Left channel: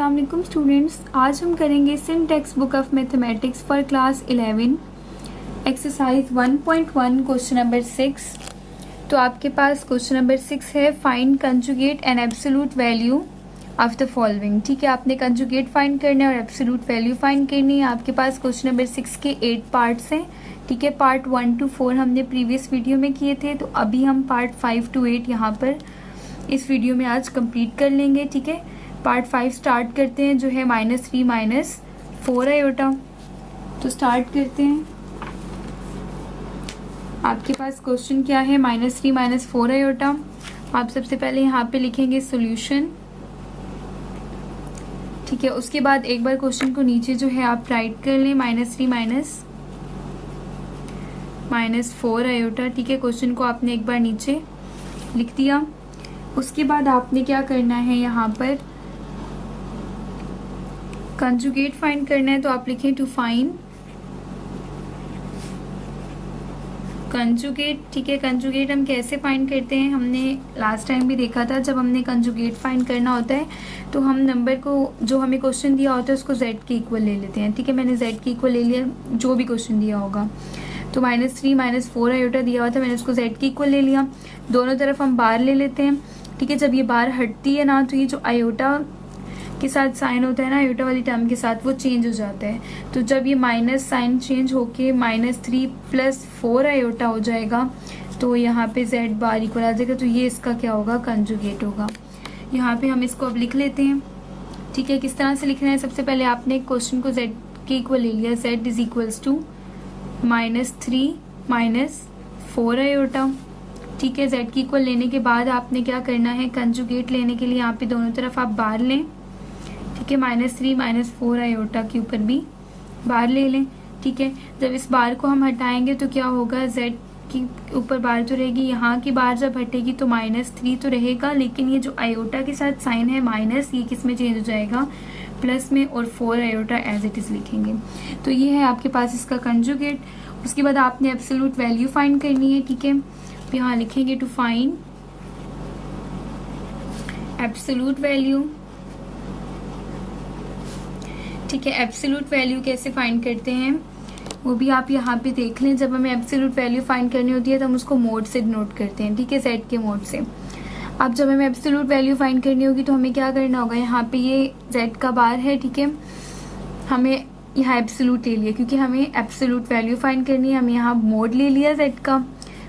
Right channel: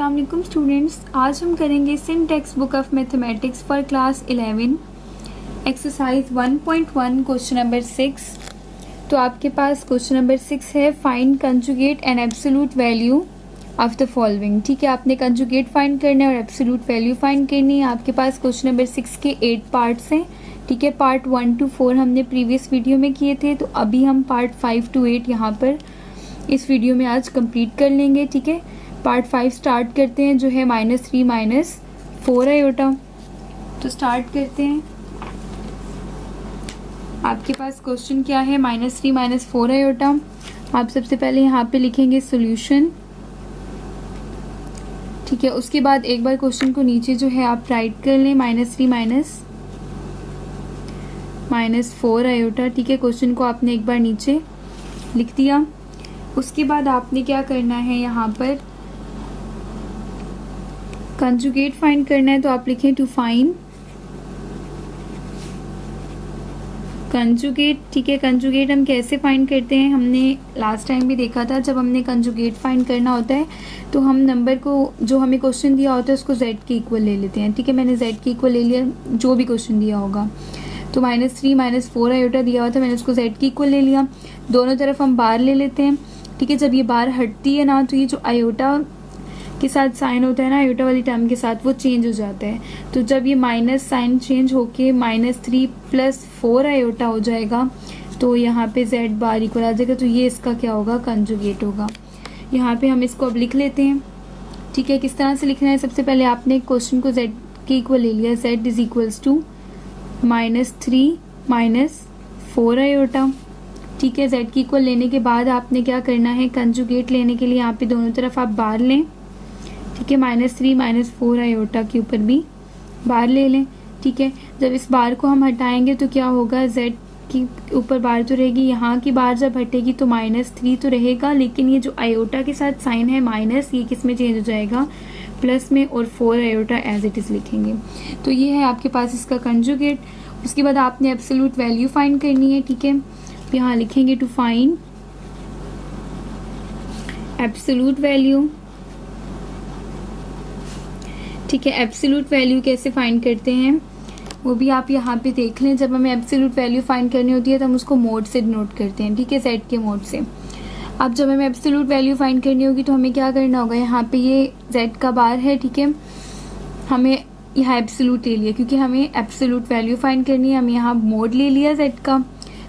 अस्सलाम वालेकुम स्टूडेंट्स। आज हम करेंगे सिन text book of mathematics for class 11 exercise 1.1 question number 6। तो आपके पास क्वेश्चन नंबर 6 है, find conjugate and absolute value of the following. ठीक है, आपने कंजुगेट फाइंड करना है और एब्सोल्यूट वैल्यू फाइंड करनी है। आपके पास क्वेश्चन नंबर 6 के 8 पार्ट्स हैं। ठीक है, पार्ट 1 to 4 हमने प्रीवियस वीडियो में किए थे, तो अभी हम पार्ट 5 to 8 यहाँ पर इस वीडियो में आज कंप्लीट कर लेंगे। ठीक है, पार्ट 5 स्टार्ट करते हैं, जो है -3 - 4 आयोटा। तो स्टार्ट करते हैं। आपके पास क्वेश्चन क्या है, -3 - 4 आयोटा। आप सबसे पहले यहाँ पे लिखेंगे सॉल्यूशन। ठीक है, उसके बाद एक बार क्वेश्चन को नीचे जो है आप राइट कर लें, -3 - 4 आयोटा। ठीक है, क्वेश्चन को आपने एक बार नीचे लिख दिया। उसके बाद आपने क्या करना है, यहाँ पर कंजुगेट फाइंड करना है। तो आप लिखें टू फाइंड कंजुगेट। ठीक है, कंजुगेट हम कैसे फाइंड करते हैं, हमने लास्ट टाइम भी देखा था। जब हमने कंजुगेट फाइंड करना होता है तो हम नंबर को, जो हमें क्वेश्चन दिया होता है, उसको z के इक्वल ले लेते हैं। ठीक है, मैंने z के इक्वल ले लिया जो भी क्वेश्चन दिया होगा। तो -3 - 4 आयोटा दिया हुआ था, मैंने उसको z के इक्वल ले लिया। दोनों तरफ हम बार ले लेते हैं। ठीक है, जब ये बार हटती है ना, तो ये जो आयोटा के साथ साइन होता है ना, आयोटा वाली टर्म के साथ, वो चेंज हो जाता है। तो जब ये माइनस साइन चेंज होके -3 + 4 आयोटा हो जाएगा, तो यहाँ पे z बार इक्वल आ जाएगा। तो ये इसका क्या होगा, कंजुगेट होगा। यहाँ पे हम इसको अब लिख लेते हैं। ठीक है, किस तरह से लिखना है, सबसे पहले आपने क्वेश्चन को z के इक्वल ले लिया। z is equals to -3 - 4 iota. ठीक है, z की इक्वल लेने के बाद आपने क्या करना है, कंजुगेट लेने के लिए यहाँ पे दोनों तरफ आप बार लें। ठीक है, -3 - 4 आयोटा के ऊपर भी बार ले लें। ठीक है, जब इस बार को हम हटाएंगे तो क्या होगा, z की ऊपर बार तो रहेगी, यहाँ की बार जब हटेगी तो -3 तो रहेगा, लेकिन ये जो आयोटा के साथ साइन है माइनस, ये किस में चेंज हो जाएगा, प्लस में, और 4 आयोटा एज इट इज लिखेंगे। तो ये है आपके पास इसका कंजुगेट। उसके बाद आपने एब्सोल्यूट वैल्यू फाइंड करनी है। ठीक है, यहाँ लिखेंगे टू फाइंड एब्सोल्यूट वैल्यू। ठीक है, एब्सोल्यूट वैल्यू कैसे फाइंड करते हैं वो भी आप यहाँ पे देख लें। जब हमें एब्सोल्यूट वैल्यू फाइंड करनी होती है तो हम उसको मोड से डिनोट करते हैं। ठीक है, z के मोड से। अब जब हमें एब्सोल्यूट वैल्यू फाइंड करनी होगी तो हमें क्या करना होगा, यहाँ पे ये z का बार है। ठीक है, हमें यहाँ एब्सोल्यूट ले लिया, क्योंकि हमें एब्सोल्यूट वैल्यू फाइंड करनी है। हम यहाँ मोड ले लिया z का,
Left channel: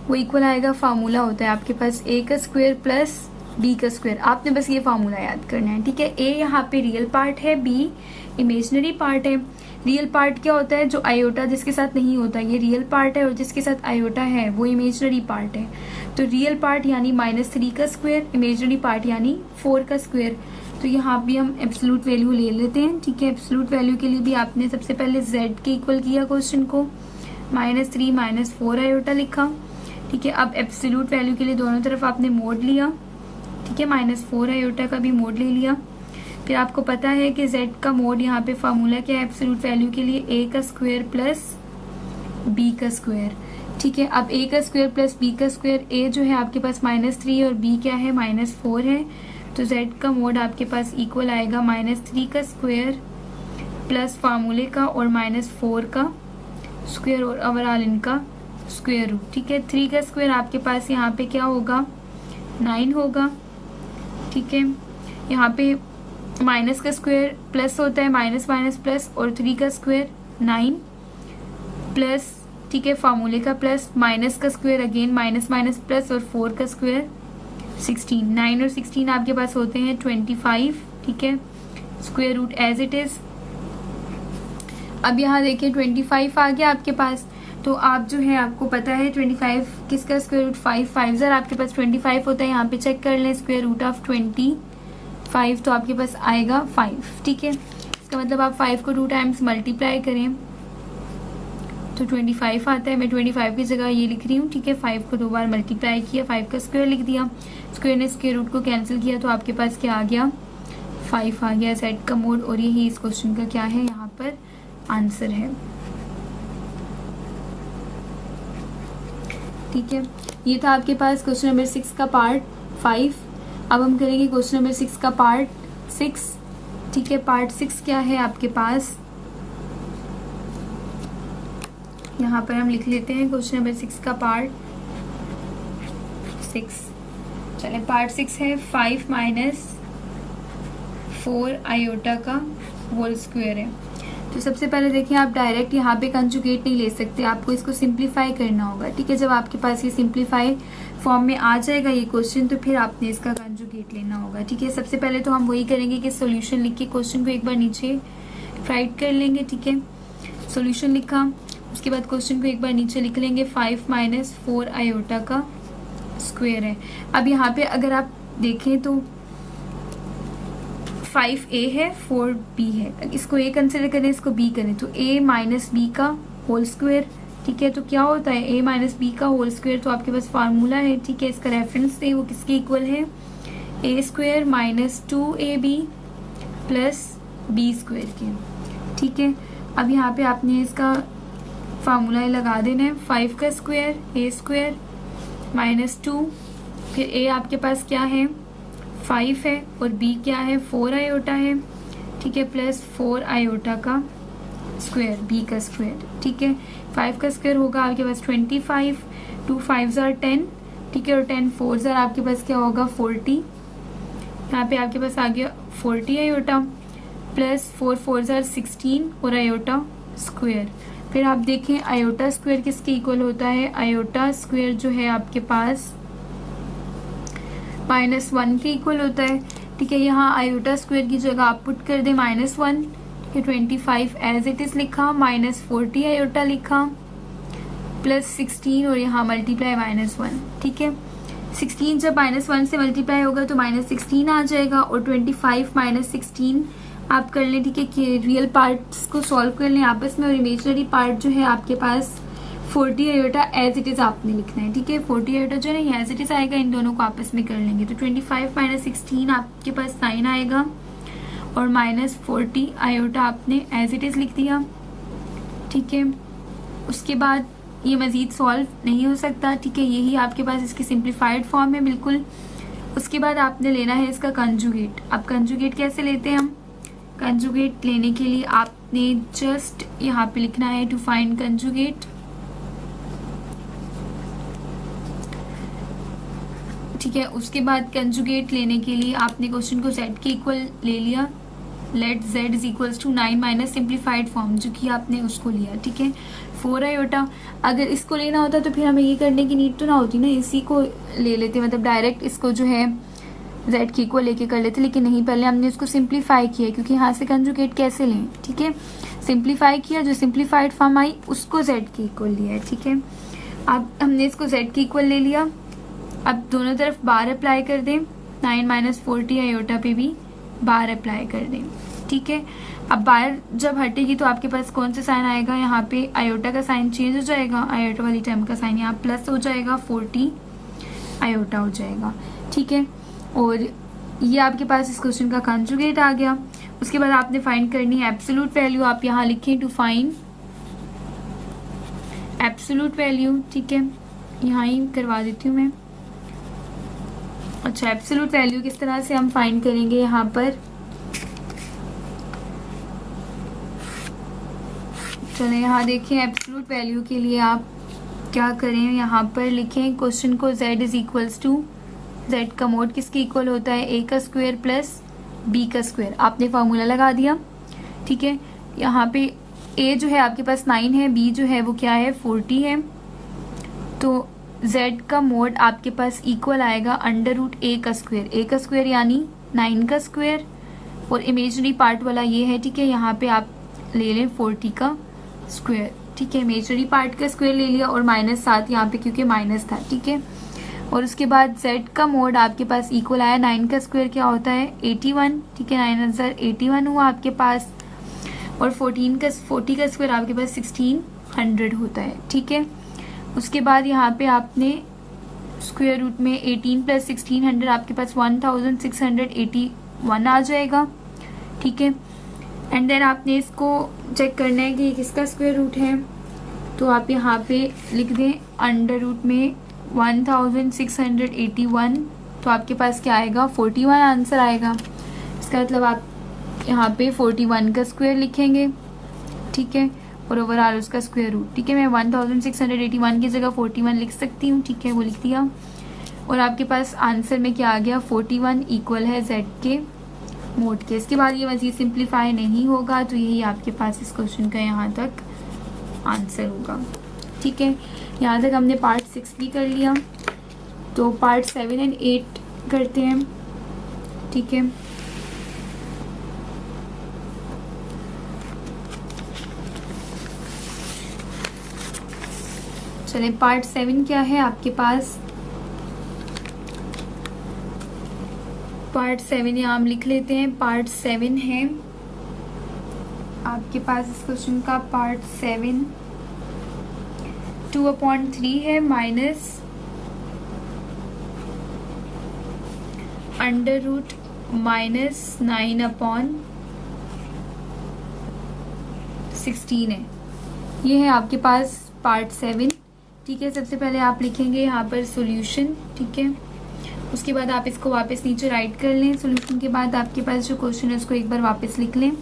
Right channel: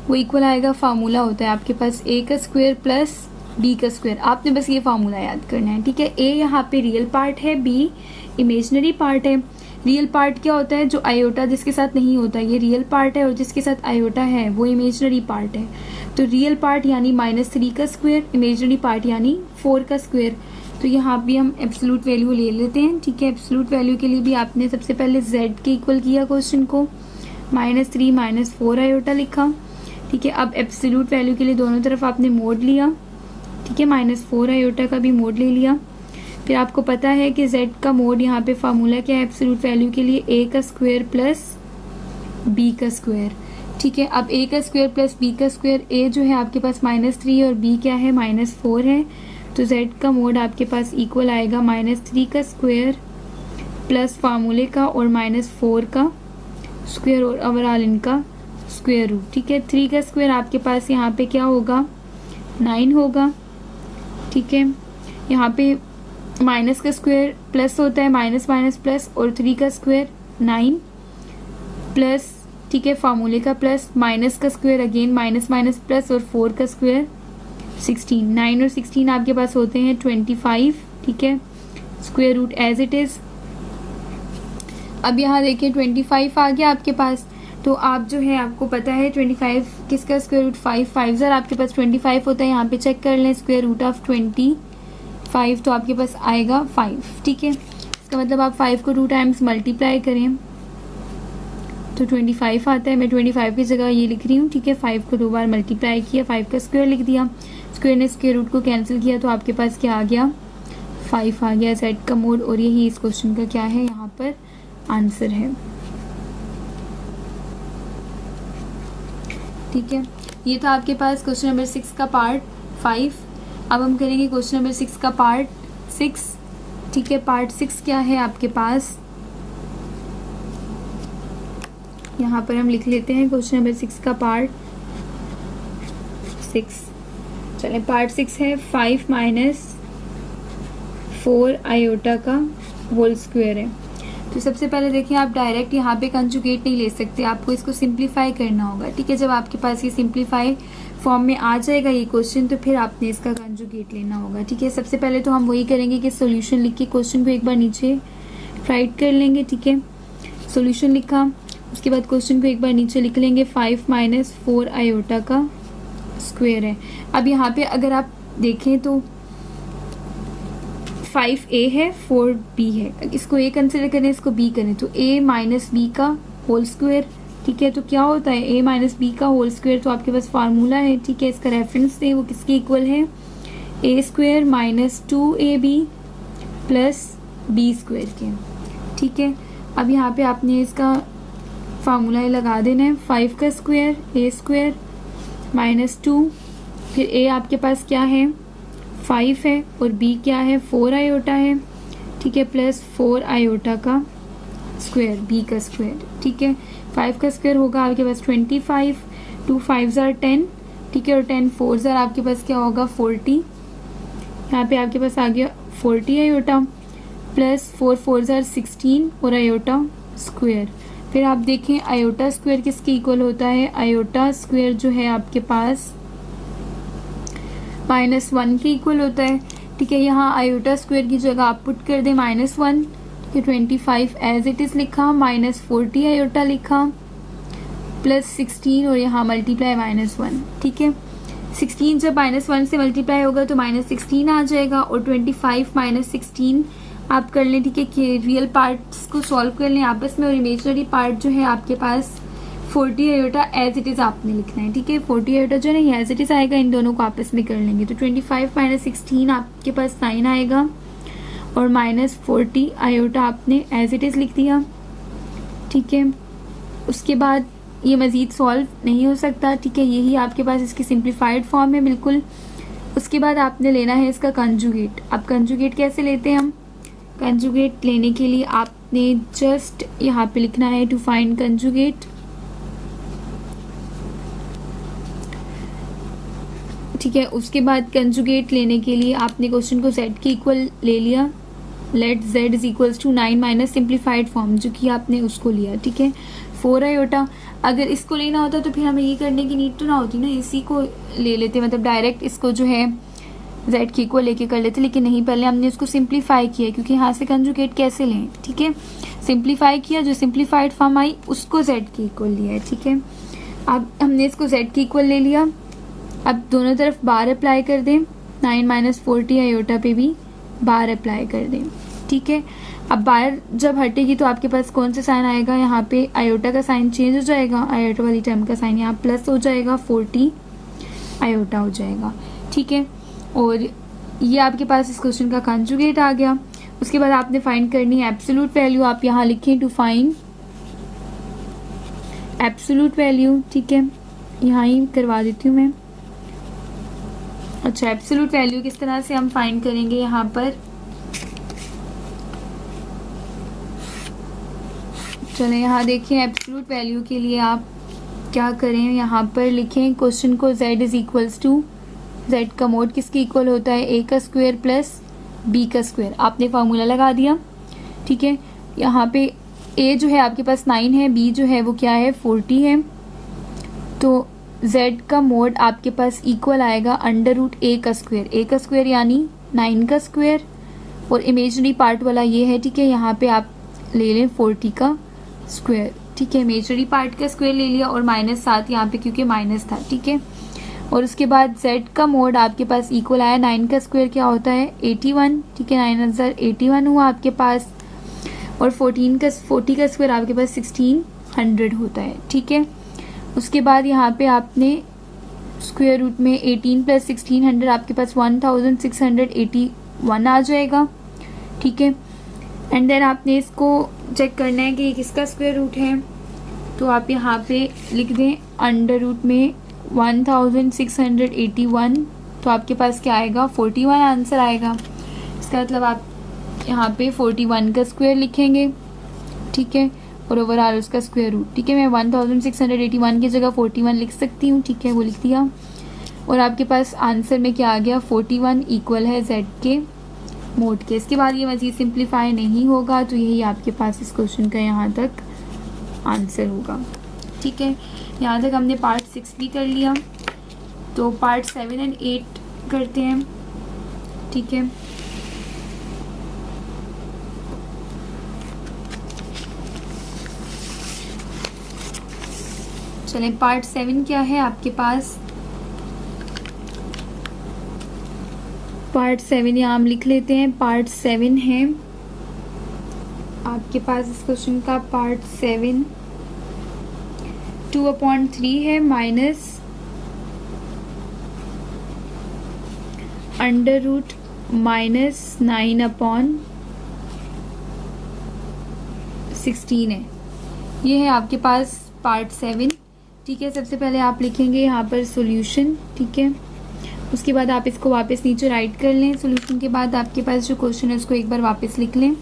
वो इक्वल आएगा, फार्मूला होता है आपके पास a का स्क्वायर प्लस b का स्क्वायर। आपने बस ये फार्मूला याद करना है। ठीक है, a यहाँ पे रियल पार्ट है, b इमेजिनरी पार्ट है। रियल पार्ट क्या होता है, जो आयोटा जिसके साथ नहीं होता, ये रियल पार्ट है, और जिसके साथ आयोटा है वो इमेजिनरी पार्ट है। तो रियल पार्ट यानी -3 का स्क्वायर, इमेजिनरी पार्ट यानी 4 का स्क्वायर। तो यहाँ भी हम एब्सोल्यूट वैल्यू ले लेते हैं। ठीक है, एब्सोल्यूट वैल्यू के लिए भी आपने सबसे पहले z के इक्वल किया क्वेश्चन को, -3 - 4 आयोटा लिखा। ठीक है, अब एब्सोल्यूट वैल्यू के लिए दोनों तरफ आपने मोड लिया। ठीक है, -4 आयोटा का भी मोड ले लिया। फिर आपको पता है कि z का मोड, यहाँ पे फार्मूला क्या है एब्सोल्यूट वैल्यू के लिए, a का स्क्वायर प्लस b का स्क्वायर। ठीक है, अब a का स्क्वायर प्लस b का स्क्वायर, a जो है आपके पास -3 और b क्या है, -4 है। तो z का मोड आपके पास इक्वल आएगा -3 का स्क्वायर प्लस फार्मूले का और -4 का स्क्वायर, और ओवरऑल इनका स्क्वायर रूट। ठीक है, 3 का स्क्वायर आपके पास यहाँ पे क्या होगा, 9 होगा। ठीक है, यहाँ पे माइनस का स्क्वायर प्लस होता है, माइनस माइनस प्लस, और 3 का स्क्वायर 9 प्लस, ठीक है, फार्मूले का प्लस, माइनस का square again minus minus plus, और 4 का स्क्वायर 16। 9 और 16 आपके पास होते हैं 25। ठीक है, square root as it is. अब यहाँ देखिए 25 आ गया आपके पास। तो आप जो है, आपको पता है 25 किसका स्क्वायर रूट, 5 आपके पास 25 होता है। यहाँ पे चेक कर लें, स्क्वायर रूट ऑफ 25, तो आपके पास आएगा 5। ठीक है, इसका मतलब आप 5 को 2 टाइम्स मल्टीप्लाई करें तो 25 आता है। मैं 25 की जगह ये लिख रही हूँ। ठीक है, 5 को 2 बार मल्टीप्लाई किया, 5 का स्क्वायर लिख दिया, स्क्वायर ने स्क्वायर रूट को कैंसिल किया, तो आपके पास क्या आ गया, 5 आ गया z का मोड। और यही इस क्वेश्चन का क्या है, यहाँ पर आंसर है। ठीक है, ये था आपके पास क्वेश्चन नंबर 6 का पार्ट 5। अब हम करेंगे क्वेश्चन नंबर 6 का पार्ट 6। ठीक है। पार्ट 6 क्या है आपके पास, यहाँ पर हम लिख लेते हैं क्वेश्चन नंबर 6 का पार्ट 6। चलिए पार्ट 6 है 5 माइनस 4 आयोटा का होल स्क्वायर है। तो सबसे पहले देखिए, आप डायरेक्ट यहाँ पे कंजुगेट नहीं ले सकते, आपको इसको सिंप्लीफाई करना होगा। ठीक है, जब आपके पास ये सिंप्लीफाई फॉर्म में आ जाएगा ये क्वेश्चन, तो फिर आपने इसका कंजुगेट लेना होगा। ठीक है, सबसे पहले तो हम वही करेंगे कि सॉल्यूशन लिख के क्वेश्चन को एक बार नीचे राइट कर लेंगे। ठीक है, सॉल्यूशन लिखा, उसके बाद क्वेश्चन को एक बार नीचे लिख लेंगे। 5 माइनस 4 आयोटा का स्क्वायर है। अब यहाँ पे अगर आप देखें तो 5a है 4b है, इसको a कंसिडर करें, इसको b करें, तो a माइनस बी का होल स्क्वायर। ठीक है, तो क्या होता है a माइनस बी का होल स्क्वायर, तो आपके पास फार्मूला है। ठीक है, इसका रेफरेंस दें, वो किसके इक्वल है, a square minus 2ab plus b square के। ठीक है, अब यहाँ पे आपने इसका फार्मूला लगा देना है। 5 का स्क्वायर a स्क्वायर माइनस 2, फिर a आपके पास क्या है 5 है और b क्या है 4 आयोटा है। ठीक है, प्लस 4 आयोटा का स्क्वायर, b का स्क्वायर। ठीक है, 5 का स्क्वायर होगा आपके पास 25, 2 5 जार 10। ठीक है, और 10 4 जार आपके पास क्या होगा 40। यहाँ पे आपके पास आ गया 40 आयोटा प्लस 4 4 जार 16 और आयोटा स्क्वायर। फिर आप देखें आयोटा स्क्वायर किसके इक्वल होता है, आयोटा स्क्वायर जो है आपके पास -1 के इक्वल होता है। ठीक है, यहाँ आयोटा स्क्वायर की जगह आप पुट कर दें -1, 25 एज इट इज लिखा, -40 आयोटा लिखा, प्लस 16 और यहाँ मल्टीप्लाई -1। ठीक है, 16 जब -1 से मल्टीप्लाई होगा तो -16 आ जाएगा, और 25 -16 आप कर लें। ठीक है, कि रियल पार्ट्स को सॉल्व कर लें आपस में, और इमेजिनरी पार्ट जो है आपके पास 40 आयोटा एज इट इज आपने लिखना है। ठीक है, 40 आयोटा जो है ना एज इट इज आएगा, इन दोनों को आपस में कर लेंगे, तो 25 -16 आपके पास 9 आएगा, और -40 आयोटा आपने एज इट इज लिख दिया। ठीक है, उसके बाद ये मजीद सॉल्व नहीं हो सकता। ठीक है, यही आपके पास इसकी सिंप्लीफाइड फॉर्म है बिल्कुल। उसके बाद आपने लेना है इसका कंजुगेट। अब कंजुगेट कैसे लेते हैं हम, कंजुगेट लेने के लिए आपने जस्ट यहाँ पे लिखना है टू फाइंड कंजुगेट। ठीक है, उसके बाद कंजुगेट लेने के लिए आपने क्वेश्चन को z के इक्वल ले लिया, let z is equals to 9 minus simplified form जो कि आपने उसको लिया। ठीक है, 4 आयोटा, अगर इसको लेना होता तो फिर हमें ये करने की नीड तो ना होती ना, इसी को ले लेते, मतलब डायरेक्ट इसको जो है z के इक्वल लेके कर लेते, लेकिन नहीं, पहले हमने इसको सिंप्लीफाई किया, क्योंकि यहाँ से कंजुगेट कैसे लें। ठीक है, सिंप्लीफाई किया, जो सिंप्लीफाइड फॉर्म आई उसको z के इक्वल लिया है। ठीक है, अब हमने इसको z के इक्वल ले लिया, अब दोनों तरफ बार अप्लाई कर दें, 9 माइनस 40 आयोटा पे भी बार अप्लाई कर दें। ठीक है, अब बार जब हटेगी तो आपके पास कौन सा साइन आएगा, यहाँ पे आयोटा का साइन चेंज हो जाएगा, आयोटा वाली टर्म का साइन यहाँ प्लस हो जाएगा, 40 आयोटा हो जाएगा। ठीक है, और ये आपके पास इस क्वेश्चन का कंजुगेट आ गया। उसके बाद आपने फाइंड करनी है एब्सोल्यूट वैल्यू, आप यहाँ लिखें टू फाइंड एब्सोल्यूट वैल्यू। ठीक है, यहाँ ही करवा देती हूँ मैं। अच्छा, एब्सोल्यूट वैल्यू किस तरह से हम फाइंड करेंगे, यहाँ पर चलें, यहाँ देखिए एब्सोल्यूट वैल्यू के लिए आप क्या करें, यहाँ पर लिखें क्वेश्चन को z is equals to, z का मोड किसके इक्वल होता है, a का स्क्वायर प्लस b का स्क्वायर, आपने फार्मूला लगा दिया। ठीक है, यहाँ पे a जो है आपके पास 9 है, b जो है वो क्या है 40 है, तो z का मोड आपके पास इक्वल आएगा √a का स्क्वायर, a का स्क्वायर यानी 9 का स्क्वायर, और इमेजिनरी पार्ट वाला ये है। ठीक है, यहाँ पे आप ले लें 40 का स्क्वायर। ठीक है, इमेजिनरी पार्ट का स्क्वायर ले लिया, और -7 यहाँ पे क्योंकि माइनस था। ठीक है, और उसके बाद z का मोड आपके पास इक्वल आया, 9 का स्क्वायर क्या होता है 81। ठीक है, 9081 हुआ आपके पास, और 40 का स्क्वायर आपके पास 1600 होता है। ठीक है, उसके बाद यहाँ पे आपने स्क्वायर रूट में 18 प्लस 1600 आपके पास 1681 आ जाएगा। ठीक है, एंड देन आपने इसको चेक करना है कि ये किसका स्क्वायर रूट है, तो आप यहाँ पे लिख दें अंडर रूट में 1681, तो आपके पास क्या आएगा 41 आंसर आएगा। इसका मतलब आप यहाँ पे 41 का स्क्वायर लिखेंगे, ठीक है, और ओवरऑल उसका स्क्वायर रूट, ठीक है। मैं 1681 की जगह 41 लिख सकती हूँ, ठीक है, वो लिख दिया। और आपके पास आंसर में क्या आ गया, 41 इक्वल है z के मोड के। इसके बाद ये मज़ीद सिंप्लीफाई नहीं होगा, तो यही आपके पास इस क्वेश्चन का यहाँ तक आंसर होगा, ठीक है। यहाँ तक हमने पार्ट 6 भी कर लिया, तो पार्ट 7 और 8 करते हैं, ठीक है। चलें, पार्ट 7 क्या है आपके पास, पार्ट 7 यहाँ हम लिख लेते हैं। पार्ट 7 है आपके पास इस क्वेश्चन का, पार्ट 7 2/3 है माइनस अंडर रूट माइनस 9/16 है। ये है आपके पास पार्ट 7, ठीक है। सबसे पहले आप लिखेंगे यहाँ पर सॉल्यूशन, ठीक है। उसके बाद आप इसको वापस नीचे राइट कर लें। सॉल्यूशन के बाद आपके पास जो क्वेश्चन है उसको एक बार वापस लिख लें।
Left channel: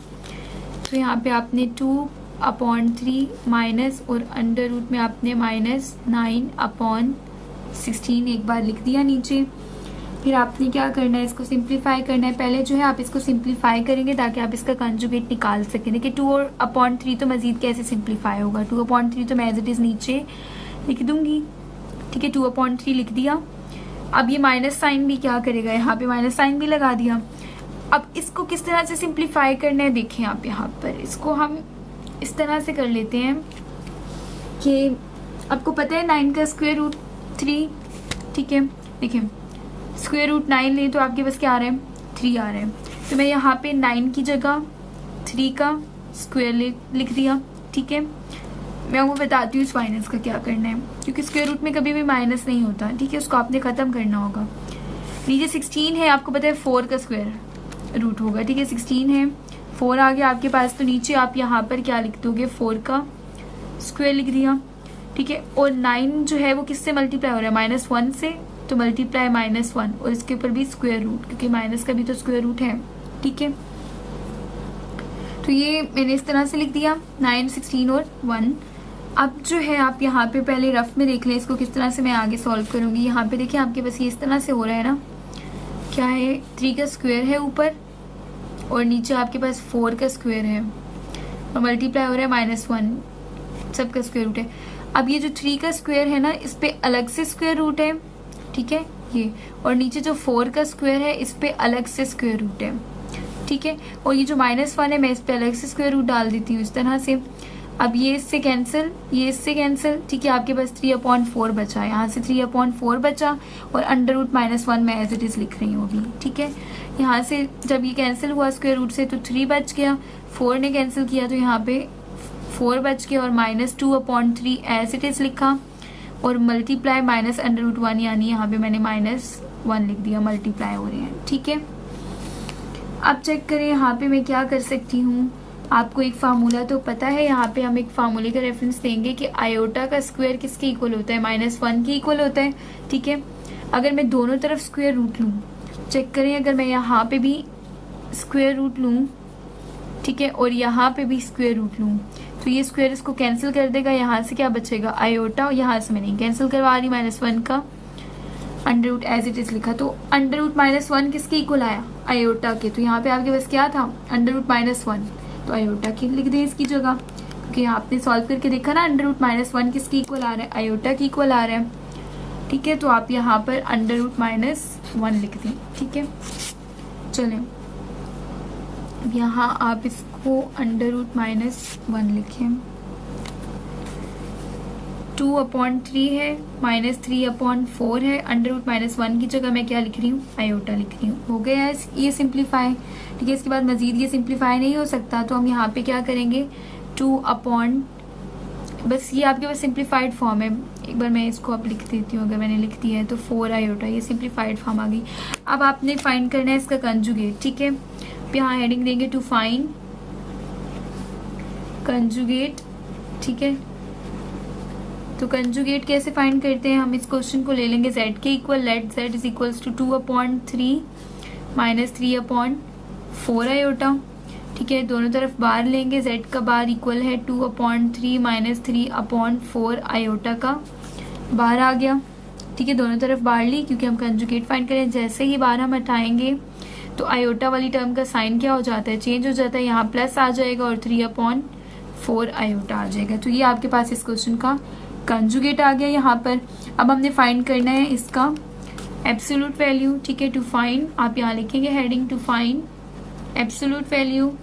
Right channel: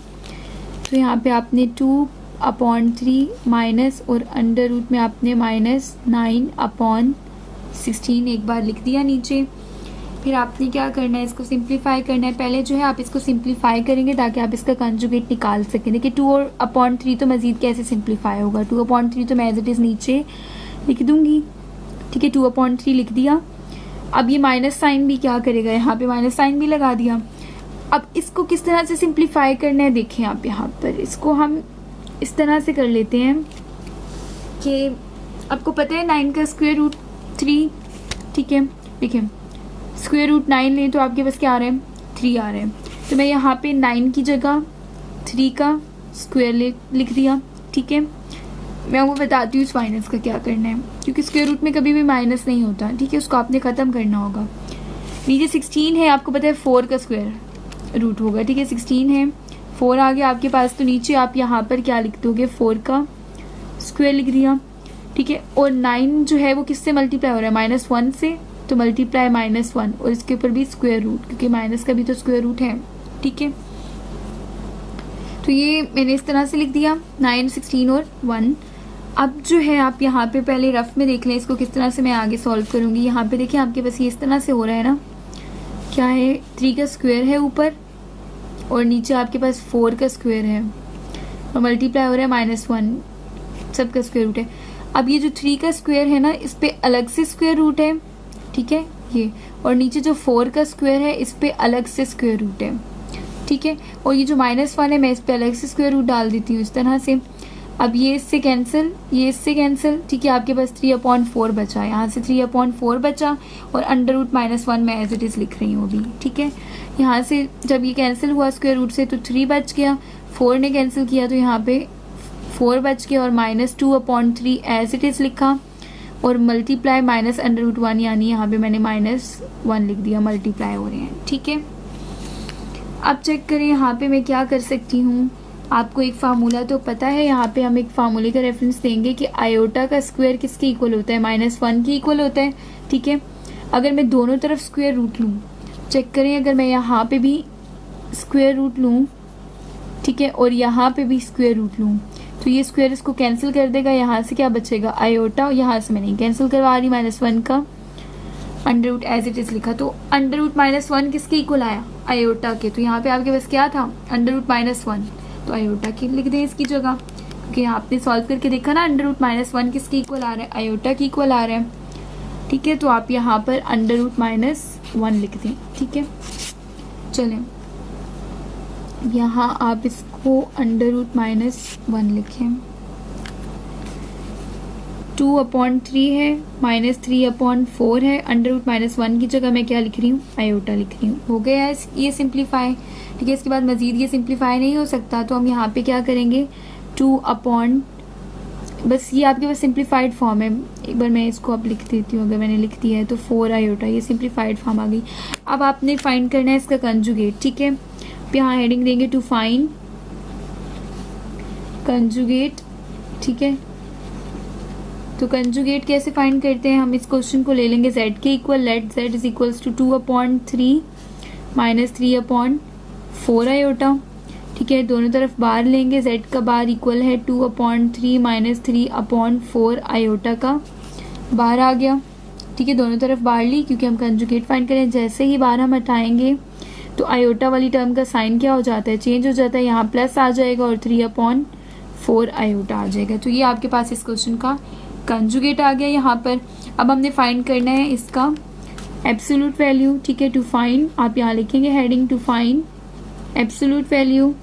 तो यहाँ पे आपने 2/3 माइनस और अंडर रूट में आपने माइनस 9/16 एक बार लिख दिया नीचे। फिर आपने क्या करना है, इसको सिंप्लीफाई करना है। पहले जो है आप इसको सिंप्लीफाई करेंगे ताकि आप इसका कंजुगेट निकाल सकें। देखिए 2/3 तो मजीद कैसे सिंप्लीफाई होगा, 2/3 तो मैं एज इट इज़ नीचे लिख दूंगी, ठीक है। 2/3 लिख दिया। अब ये माइनस साइन भी क्या करेगा, यहाँ पे माइनस साइन भी लगा दिया। अब इसको किस तरह से सिंप्लीफाई करना है, देखें आप यहाँ पर इसको हम इस तरह से कर लेते हैं कि आपको पता है 9 का स्क्वायर रूट 3, ठीक है। देखिए स्क्वायर रूट 9 ले तो आपके पास क्या आ रहा है, 3 आ रहा है। तो मैं यहाँ पे 9 की जगह 3 का स्क्वायर लिख दिया, ठीक है। मैं वो बताती हूँ इस माइनस का क्या करना है, क्योंकि स्क्वायर रूट में कभी भी माइनस नहीं होता, ठीक है। उसको आपने ख़त्म करना होगा। नीचे 16 है, आपको पता है 4 का स्क्वायर रूट होगा, ठीक है। 16 है, 4 आ गया आपके पास, तो नीचे आप यहाँ पर क्या लिख दोगे, 4 का स्क्वायर लिख दिया, ठीक है। और 9 जो है वो किससे मल्टीप्लाई हो रहा है, -1 से, तो मल्टीप्लाई -1 और इसके ऊपर भी स्क्वायर रूट, क्योंकि माइनस का भी तो स्क्वायर रूट है, ठीक है। तो ये मैंने इस तरह से लिख दिया 9, 16 और 1। अब जो है आप यहाँ पे पहले रफ में देख लें इसको किस तरह से मैं आगे सॉल्व करूँगी। यहाँ पे देखिए आपके पास ये इस तरह से हो रहा है ना, क्या है, 3 का स्क्वायर है ऊपर और नीचे आपके पास 4 का स्क्वायर है और मल्टीप्लाई हो रहा है -1, सबका स्क्वायर रूट है। अब ये जो 3 का स्क्वायर है ना, इस पे अलग से स्क्वायर रूट है, ठीक है ये, और नीचे जो 4 का स्क्वायर है इस पे अलग से स्क्वायर रूट है, ठीक है। और ये जो -1 है मैं इस पे अलग से स्क्वायर रूट डाल देती हूँ इस तरह से। अब ये इससे कैंसिल, ये इससे कैंसिल, ठीक है। आपके पास 3/4 बचा, यहाँ से 3/4 बचा और अंडर रूट -1 मैं एज इट इज़ लिख रही हूँ अभी, ठीक है। यहाँ से जब ये कैंसिल हुआ स्क्वायर रूट से तो 3 बच गया, 4 ने कैंसिल किया तो यहाँ पे 4 बच गया और -2/3 एज इट इज़ लिखा और मल्टीप्लाई -√1 यानी यहाँ पे मैंने -1 लिख दिया, मल्टीप्लाई हो रहे हैं, ठीक है। अब चेक करें यहाँ पे मैं क्या कर सकती हूँ। आपको एक फार्मूला तो पता है, यहाँ पे हम एक फार्मूले का रेफरेंस देंगे कि आयोटा का स्क्वायर किसके इक्वल होता है, -1 के इक्वल होता है, ठीक है। अगर मैं दोनों तरफ स्क्वायर रूट लूँ, चेक करें, अगर मैं यहाँ पे भी स्क्वायर रूट लूँ, ठीक है, और यहाँ पे भी स्क्वायर रूट लूँ, तो ये स्क्वायर इसको कैंसिल कर देगा। यहाँ से क्या बचेगा, आयोटा, और यहाँ से मैं नहीं कैंसिल करवा रही, -1 का under root as it is लिखा। तो अंडर रूट -1 किसके इक्वल आया, आयोटा के। तो यहाँ पे आपके पास क्या था, अंडर रूट -1, तो आयोटा की लिख दें इसकी जगह, क्योंकि आपने सॉल्व करके देखा ना अंडर रूट -1 किसके इक्वल आ रहा है, आयोटा की इक्वल आ रहा है, ठीक है। तो आप यहाँ पर अंडर रूट -1 लिख दें, ठीक है। चलो यहाँ आप इसको अंडर रूट -1 लिखें। 2/3 है, -3/4 है, अंडर रूट -1 की जगह मैं क्या लिख रही हूँ, आयोटा लिख रही हूँ। हो गया ये सिंप्लीफाई, ठीक है। इसके बाद मजीद ये सिंप्लीफाई नहीं हो सकता, तो हम यहाँ पे क्या करेंगे, 2/, बस ये आपके पास सिंप्लीफाइड फॉर्म है। एक बार मैं इसको अब लिख देती हूँ, अगर मैंने लिख दिया है तो 4 आयोटा, ये सिंप्लीफाइड फॉर्म आ गई। अब आपने फाइंड करना है इसका कंजुगेट, ठीक है। यहाँ हेडिंग देंगे टू फाइंड कंजुगेट, ठीक है। तो कंजुगेट कैसे फाइंड करते हैं, हम इस क्वेश्चन को ले लेंगे z के equal, let z is equals to 2/3 -3/4 iota. ठीक है, दोनों तरफ बार लेंगे, z का बार इक्वल है 2/3 माइनस 3/4 आयोटा का बार आ गया। ठीक है, दोनों तरफ बार ली क्योंकि हम कंजुगेट फाइंड करें। जैसे ही बार हम हटाएंगे तो आयोटा वाली टर्म का साइन क्या हो जाता है, चेंज हो जाता है, यहाँ प्लस आ जाएगा और 3/4 आयोटा आ जाएगा। तो ये आपके पास इस क्वेश्चन का कंजुगेट आ गया यहाँ पर। अब हमने फाइंड करना है इसका एब्सोल्यूट वैल्यू। ठीक है, टू फाइंड आप यहाँ लिखेंगे heading to find absolute value.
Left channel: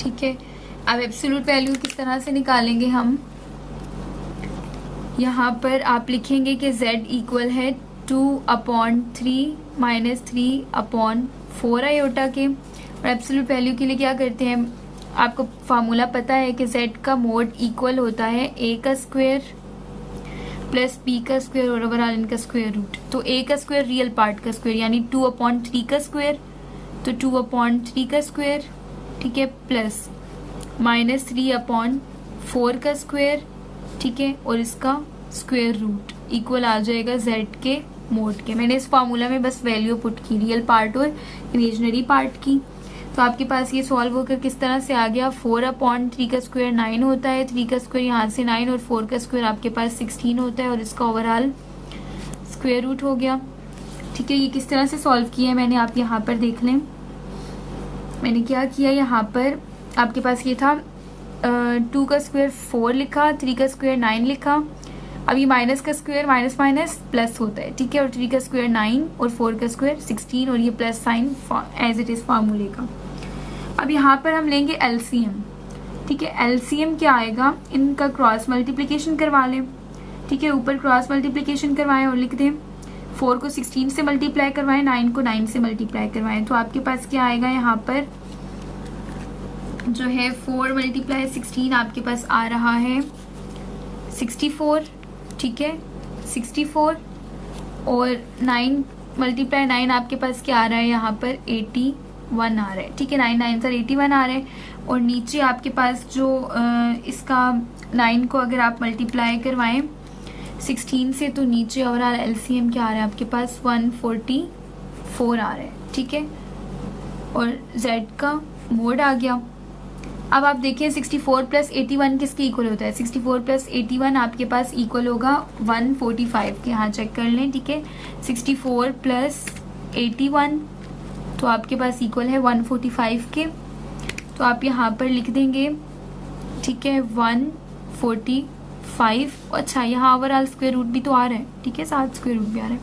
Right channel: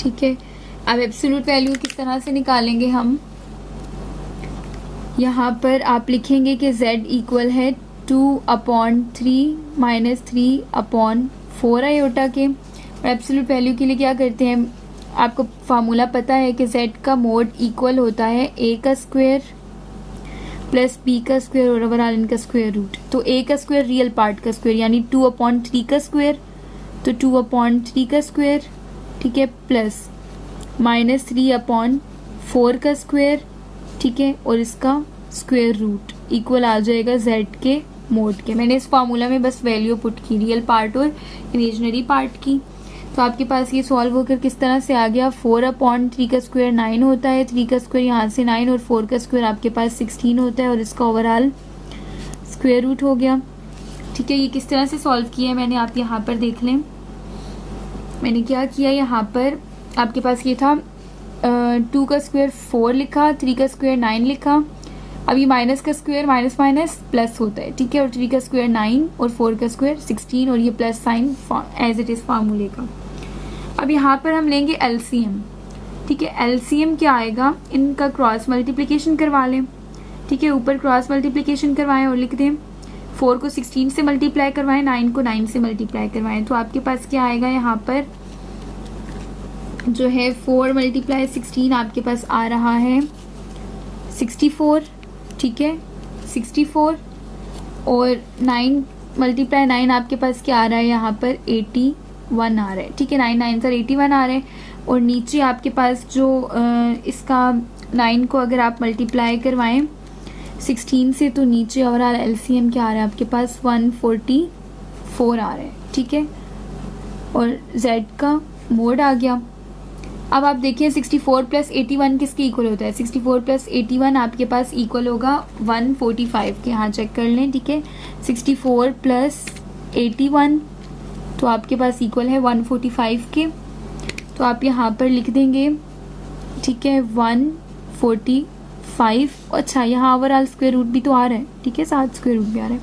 ठीक है, अब एब्सोल्यूट वैल्यू किस तरह से निकालेंगे हम, यहाँ पर आप लिखेंगे कि z इक्वल है 2/3 माइनस 3/4 आयोटा के। और एब्सोल्यूट वैल्यू के लिए क्या करते हैं, आपको फार्मूला पता है कि z का मोड इक्वल होता है a का स्क्वायर प्लस b का स्क्वायर और ओवरऑल इनका स्क्वायर रूट। तो a का स्क्वायर रियल पार्ट का स्क्वायर यानी 2/3 का स्क्वायर, तो 2/3 का स्क्वायर, ठीक है, प्लस माइनस 3/4 का स्क्वायर, ठीक है, और इसका स्क्वायर रूट इक्वल आ जाएगा z के मोड के। मैंने इस फार्मूला में बस वैल्यू पुट की रियल पार्ट और इमेजिनरी पार्ट की। तो आपके पास ये सॉल्व होकर किस तरह से आ गया, 4/3 का स्क्वायर 9 होता है, 3 का स्क्वायर यहाँ से 9 और 4 का स्क्वायर आपके पास 16 होता है और इसका ओवरऑल स्क्वायर रूट हो गया। ठीक है, ये किस तरह से सॉल्व किया है मैंने, आप यहाँ पर देख लें। मैंने क्या किया, यहाँ पर आपके पास ये था 2 का स्क्वायर 4 लिखा, 3 का स्क्वायर 9 लिखा। अभी माइनस का स्क्वायर माइनस माइनस प्लस होता है, ठीक है, और 3 का स्क्वायर 9 और 4 का स्क्वायर 16 और ये plus sign as it is फार्मूले का। अब यहाँ पर हम लेंगे एलसीएम। ठीक है, एलसीएम क्या आएगा, इनका क्रॉस मल्टीप्लिकेशन करवा लें। ठीक है, ऊपर क्रॉस मल्टीप्लिकेशन करवाएं और लिख दें 4 को 16 से मल्टीप्लाई करवाएं, 9 को 9 से मल्टीप्लाई करवाएं। तो आपके पास क्या आएगा, यहाँ पर जो है 4 × 16 आपके पास आ रहा है 64। ठीक है, 64 और 9 × 9 आपके पास क्या आ रहा है, यहाँ पर 81 आ रहा है। ठीक है, 9 9 सर 81 आ रहा है। और नीचे आपके पास जो इसका 9 को अगर आप मल्टीप्लाई करवाएं 16 से तो नीचे ओवरऑल एलसीएम क्या आ रहा है आपके पास 144 आ रहा है। ठीक है, और z का मोड आ गया। अब आप देखिए 64 + 81 किसके इक्वल होता है, 64 + 81 आपके पास इक्वल होगा 145 के। यहाँ चेक कर लें। ठीक है, 64 + 81 तो आपके पास इक्वल है 145 के। तो आप यहाँ पर लिख देंगे, ठीक है, 145। अच्छा, यहाँ ओवरऑल स्क्वायर रूट भी तो आ रहा है। ठीक है, साथ स्क्वायर रूट भी आ रहा है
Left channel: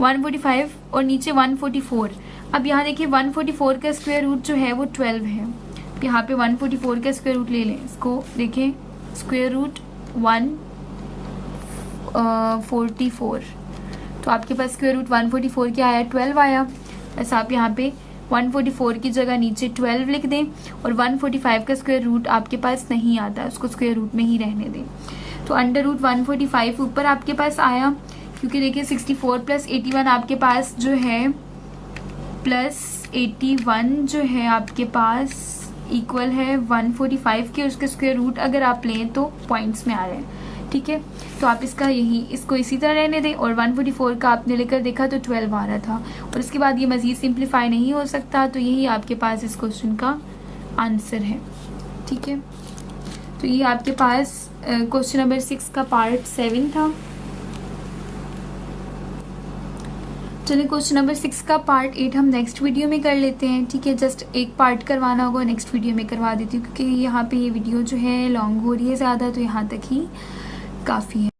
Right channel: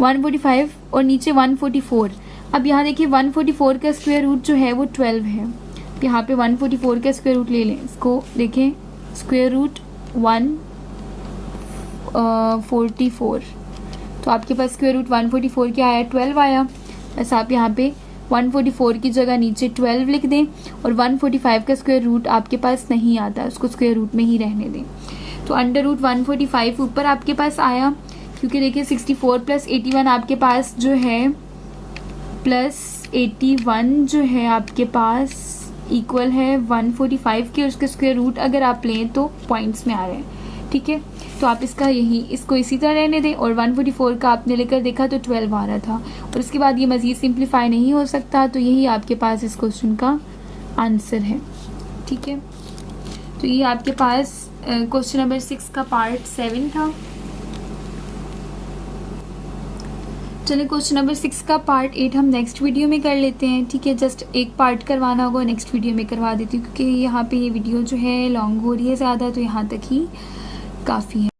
145 और नीचे 144। अब यहाँ देखिए 144 का स्क्वायर रूट जो है वो 12 है। यहाँ पे 144 का स्क्वायर रूट ले लें, इसको देखें स्क्वायर रूट 144 तो आपके पास स्क्वायर रूट 144 क्या आया, 12 आया। बस आप यहाँ पे 144 की जगह नीचे 12 लिख दें और 145 का स्क्वायर रूट आपके पास नहीं आता, उसको स्क्वायर रूट में ही रहने दें। तो √145 ऊपर आपके पास आया, क्योंकि देखिए 64 + 81 आपके पास जो है +81 जो है आपके पास इक्वल है 145 के। उसके स्क्वायर रूट अगर आप लें तो पॉइंट्स में आ रहे हैं। ठीक है, तो आप इसको इसी तरह रहने दें। और 144 का आपने लेकर देखा तो 12 आ रहा था और इसके बाद ये मज़ीद सिंप्लीफाई नहीं हो सकता। तो यही आपके पास इस क्वेश्चन का आंसर है। ठीक है, तो ये आपके पास क्वेश्चन नंबर 6 का पार्ट 7 था। चलिए क्वेश्चन नंबर 6 का पार्ट 8 हम नेक्स्ट वीडियो में कर लेते हैं। ठीक है, जस्ट एक पार्ट करवाना होगा, नेक्स्ट वीडियो में करवा देती हूँ क्योंकि यहाँ पे ये वीडियो जो है लॉन्ग हो रही है ज़्यादा, तो यहाँ तक ही काफ़ी है।